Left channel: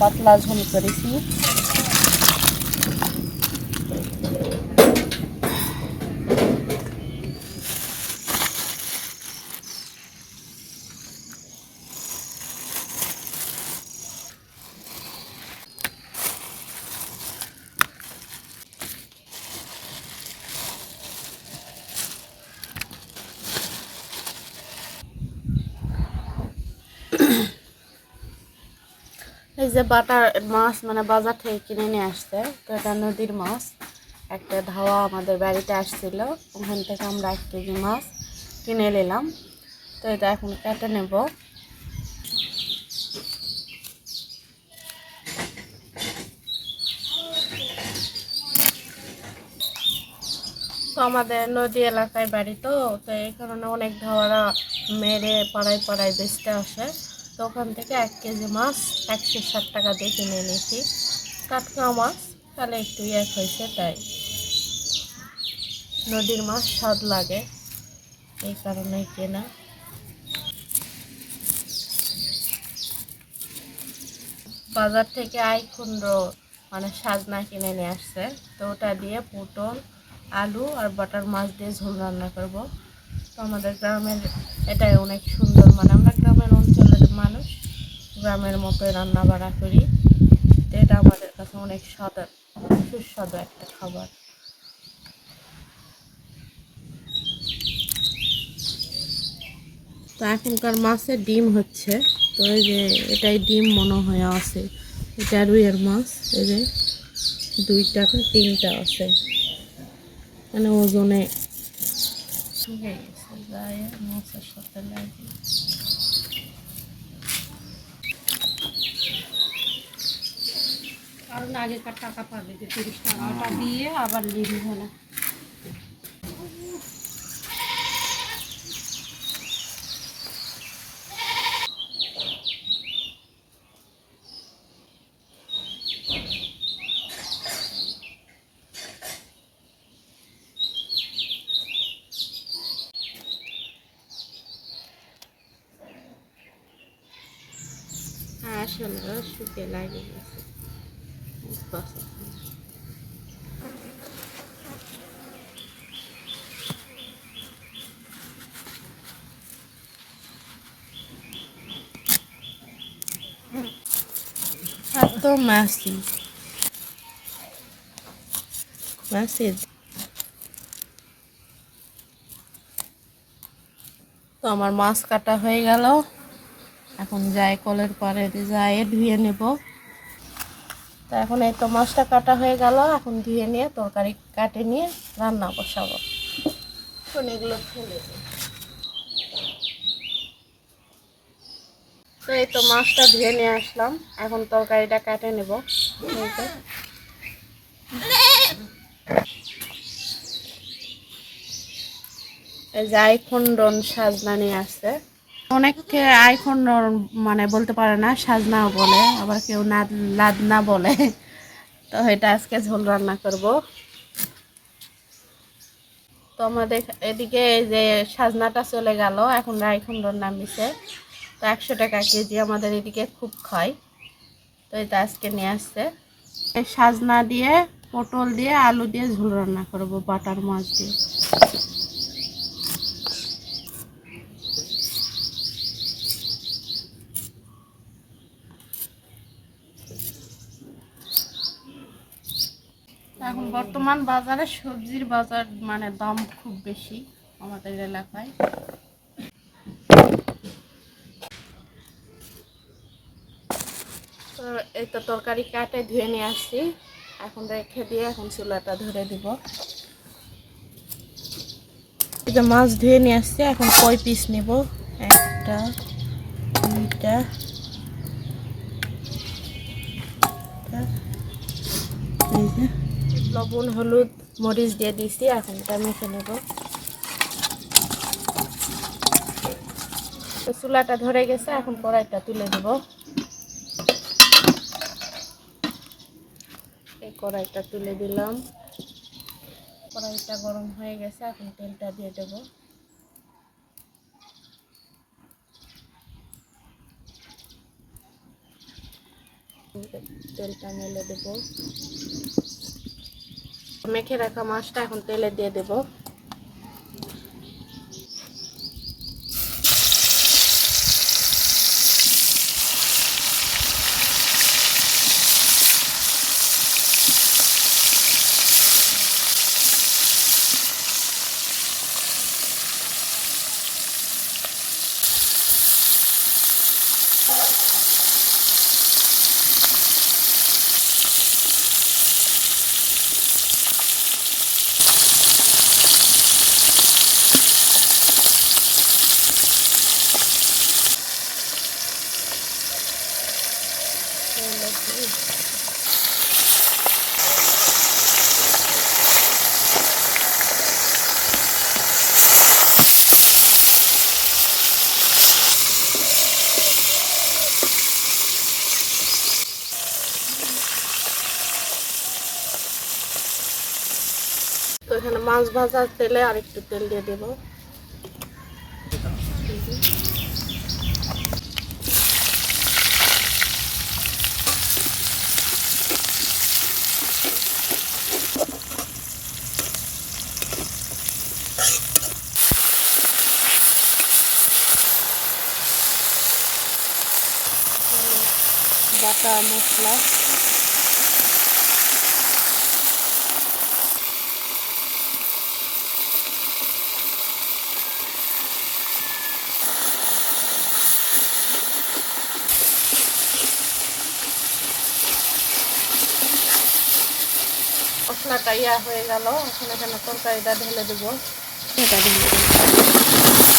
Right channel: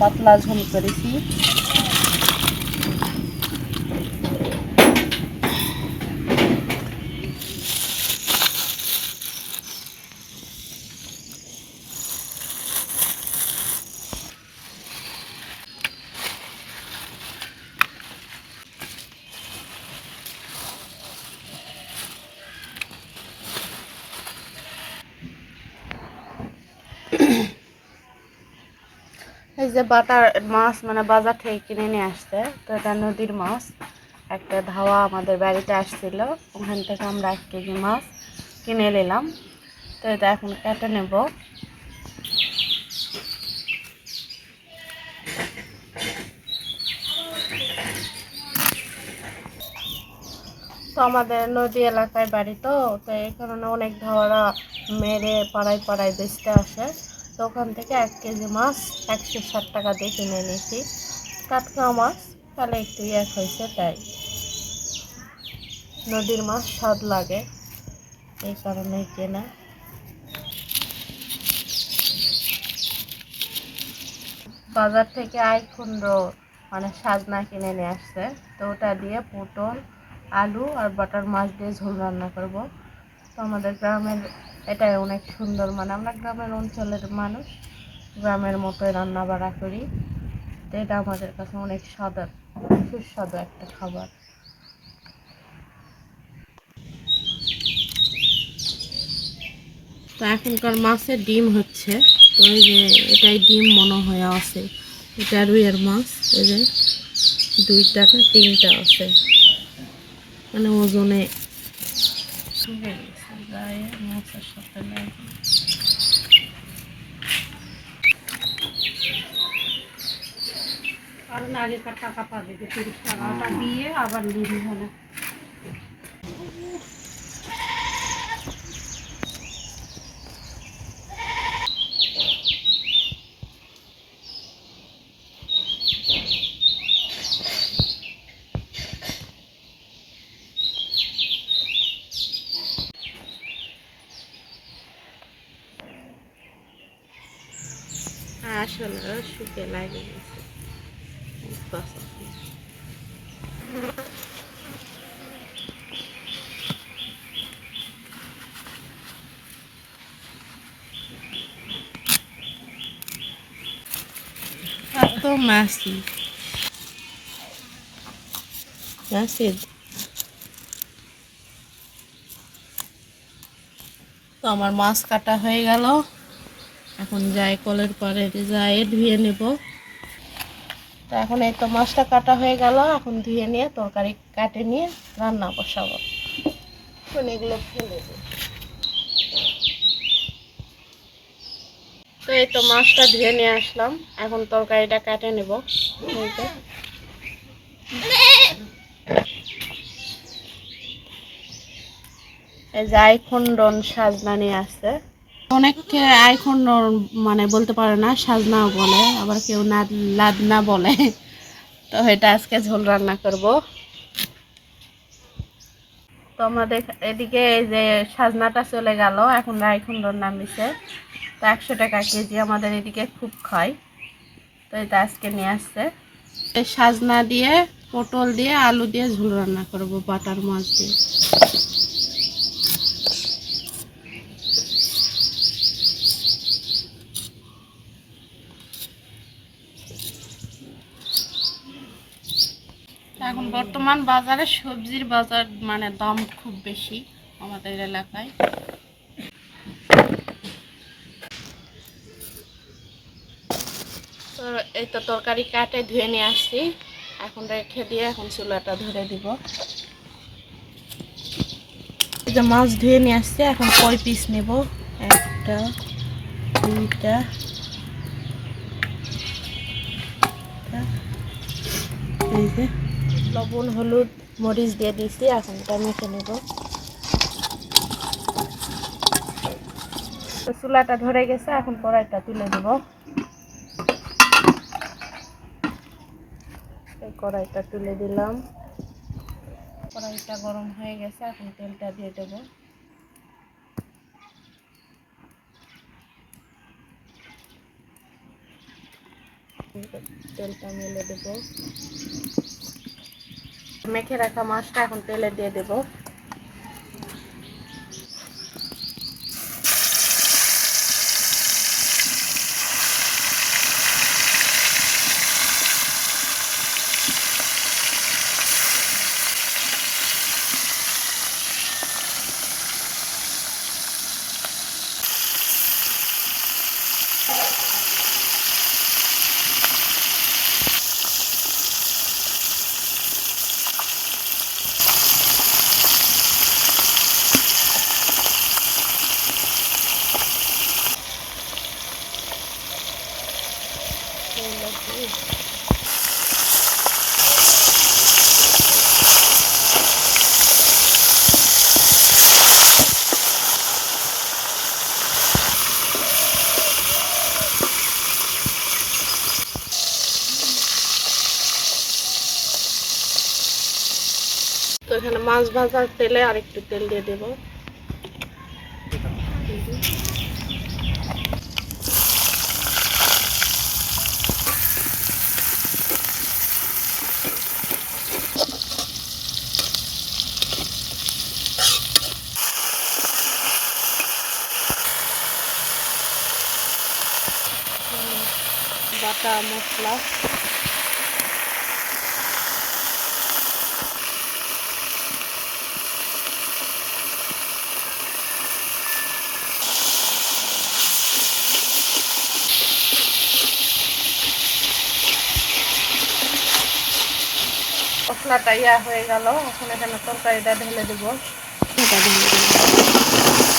পাতলা ঝোল করেছি। এই যে বাটার মাছ মানে বাজার থেকে কিনে নিয়ে আসছে, তো এটা নদীর মাছ। একটা ধাওয়া আমাদের বাড়িতে আসছিল, ওখান থেকে আমরা এক কেজি মাছ কিনে নিলাম। তো এটা এখন কেটে নেব। তো আমাদের নদী এলাকায় বাড়ি তো তো এই কারণে অনেক ধাওয়ারা মেরে পাড়ায় পাড়ায় বেচতে আসে। ওখান থেকে এক কেজি মাছ একশো ষাট টাকা দিয়ে কিনে এনেছি। টাটকা মাছ, তাহলে একটু এক হয়েছে তাই। নদীর মাছ স্বাদ লাগে, এই কারণেই কেনা। বাজার থেকে আইকুন্ড মানে সাজনা কিনে নিয়ে আসছে। তো ওটা দিয়ে পটল, আলু আর বাটার মাছ দিয়ে ঝোল রান্না করব। তো আমাদের গ্রামের এটাই অনেক সুন্দর মানে আমরা গ্রামের অঞ্চলের মানুষ গ্রামের মতো রান্না বাড়া করি। তো এটা আমাদের কাছে অনেক স্বাদের সুস্বাদু একটা খাবার। তো এখনকার মাছের ডিম হচ্ছে। তো এই যে এটাই ডিম মনে হয় আছে। এটা রুইয়ের মাছ এই যে দুইটা তিনটা আছে। মানে ওজনে হয়ে গেছে গায়ে মাছের সাথে লাগে কারণ আগেকার টাকা পাবে যে তিরিশ টাকাটা দিয়ে আবার নিবি মানে আসলে শুকে লাগে গেছে। এত মাসি মাসি তো আমার মাছ কাটা হয়ে গেল। এখন যাই, কলের পরে যাই, ধুয়ে নেব। তো এখন এই তো মাছটা কাটা হয়ে গেল, এখন ধুয়ে নিয়ে তরকারি কাটে নিয়ে রান্না বসাবো। এখন এগুলো ফেলে দিই তো এই তো মাছটা ধুয়ে নিয়ে আসলাম, এখন তরকারিটা কাটে নেব। এই যে। এই যে আইখন্ডন সাজনা নিয়ে আসছে। অনেকে আইখন্ডন মানে বলতে পারে না, সাজনাও বলে, আবার কেউ না লাদনা বলে। তো এটা আজকে ঝোল রান্না করব। তো আমাদের এদিকে এই যে সাজনাটা চলে গেল, এখন রাইখন্ডন নামিছে তো একশো টাকা কেজি আমাদের এদিকে খুব খায়। তো এটা আজকে নিয়ে আসছে। এই সাজনা দিয়ে, পটল দিয়ে, আলু দিয়ে ঝোল রান্না করব, বাটার মাছ দিয়ে। এখন বর্তমান বাজারে সবজির বাজার মানে দাম খুব বেশি আমাদের এলাকায়। তো এই তো তরকারি কাটে, ধুয়ে নিয়ে আসছি। এখন রেখে দিয়ে এখন চুলাটা ধরে দিব। এই যে মাছ ধুয়ে নিয়ে আসছি, এখন কয় পিস নেব? একটা, দুইটা এই যে। লবণ, হলুদ, মরিচ দিয়ে দিছি, এখন এটা মেখে নেব। চুলাটা ধরে গেছে, এখন কড়াইটা তুলে দেব এই কড়াইটা তুলে দিলাম। কড়াইটা গরম হয়ে গেছে, এখন তেলটা দিয়ে দেব। তেলটা মেলে দেব। মেখে রাখা মাছটা এখন তেলে দিয়ে দেব তেলে দিয়ে তো এখানে মাছ ভাজার তেলে আর একটু তেল দিয়ে দেব। বাটা মশলা। মশলাটা ইয়া হয়ে গেল এখন এখানে তরকারিটা ঢেলে দেবো। এটা ঢেলে দেবো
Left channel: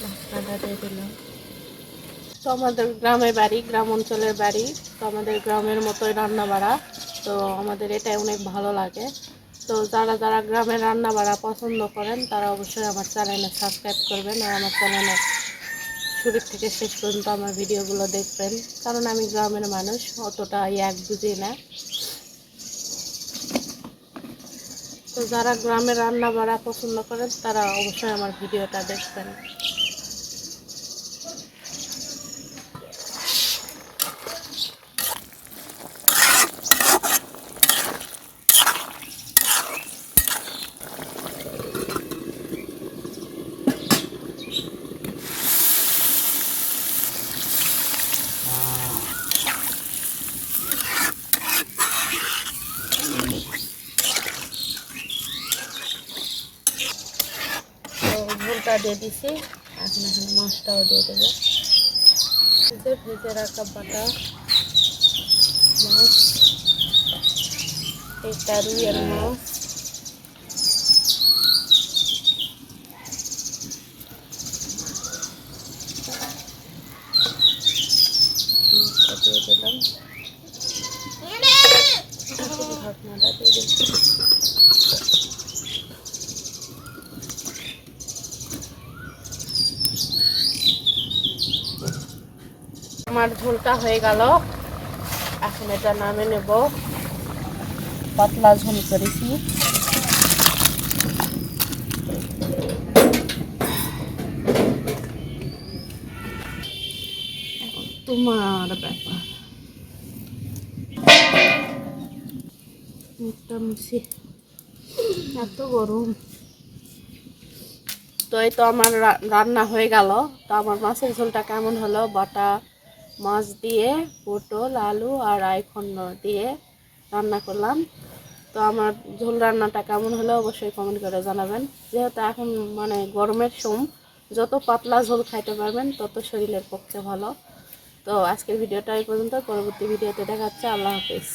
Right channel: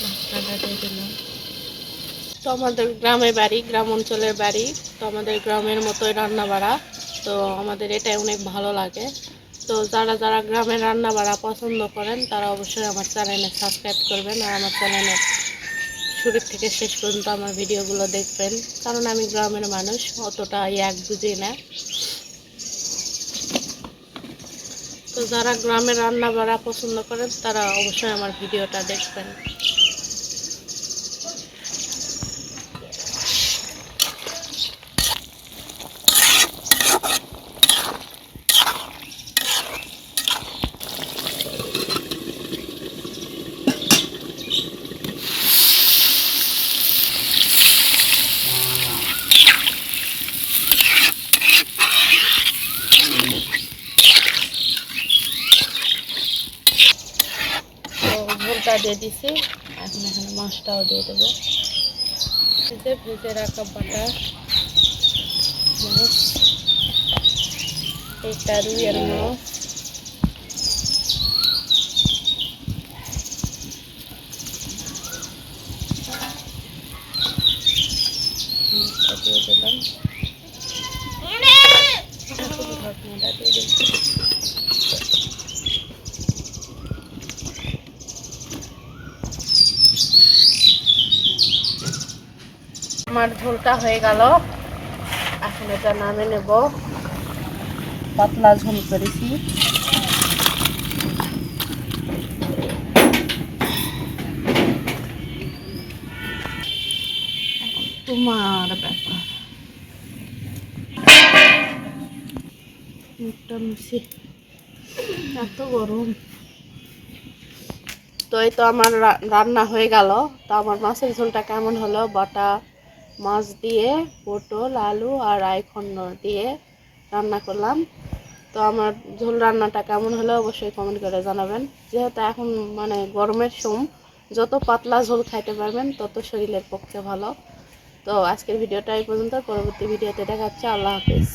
মশলাটা দিয়ে দিলাম তো আমাদের গ্রামে বাড়ি, গ্রাম অঞ্চলের বাড়ি। তো আমাদের গ্রামের মতোই রান্না বাড়া তো আমাদের এটাই অনেক ভালো লাগে। তো যারা যারা গ্রামের রান্না বাড়া পছন্দ করেন, তারা অবশ্যই আমার চ্যানেলে সাবস্ক্রাইব করবেন আর আমার চ্যানেলে শুরু থেকে শেষ পর্যন্ত আমার ভিডিওগুলো দেখবেন। কারণ আমি গ্রামের মানুষ অতটা এক বুঝি না। তো যারা গ্রামের রান্না বাড়া পছন্দ করেন, তারা অবশ্যই আমার ভিডিওটা দেখবেন তো ঝোলটা দিয়ে দিছি। এখন এখানে মাছটাও দিয়ে দেবো। ভেজে ভেজে রাখা বাটা মাছ এটা রুইয়ের মাছ। দিয়ে দিলাম এখন ঢাকনাটা দিয়ে দিচ্ছি আমার ঝোলটা হয়ে গেল। এখন এটা নামে নেব। পাতলা ঝোল করেছি। তোমার ব্যাপার। এত গরম। তো এই তো আমার রান্না হয়ে গেল। তো আমার মাছের ঝোলটা কেমন হলো? বাটা মাছ দিয়ে, পটল, আলু আর আইখন্ড দিয়ে রান্না করলাম। তো আমার ঝোল রান্নাটা কেমন হলো অবশ্যই কমেন্ট করে জানাবেন। যেহেতু এখন মানে গরমের সোম, যত পাতলা ঝোল খাইতে পারবেন, তত শরীরের পক্ষে ভালো। তো আজকের ভিডিওটা এই পর্যন্ত। পরবর্তী ভিডিওতে দেখাচ্ছে আল্লাহ হাফিজ।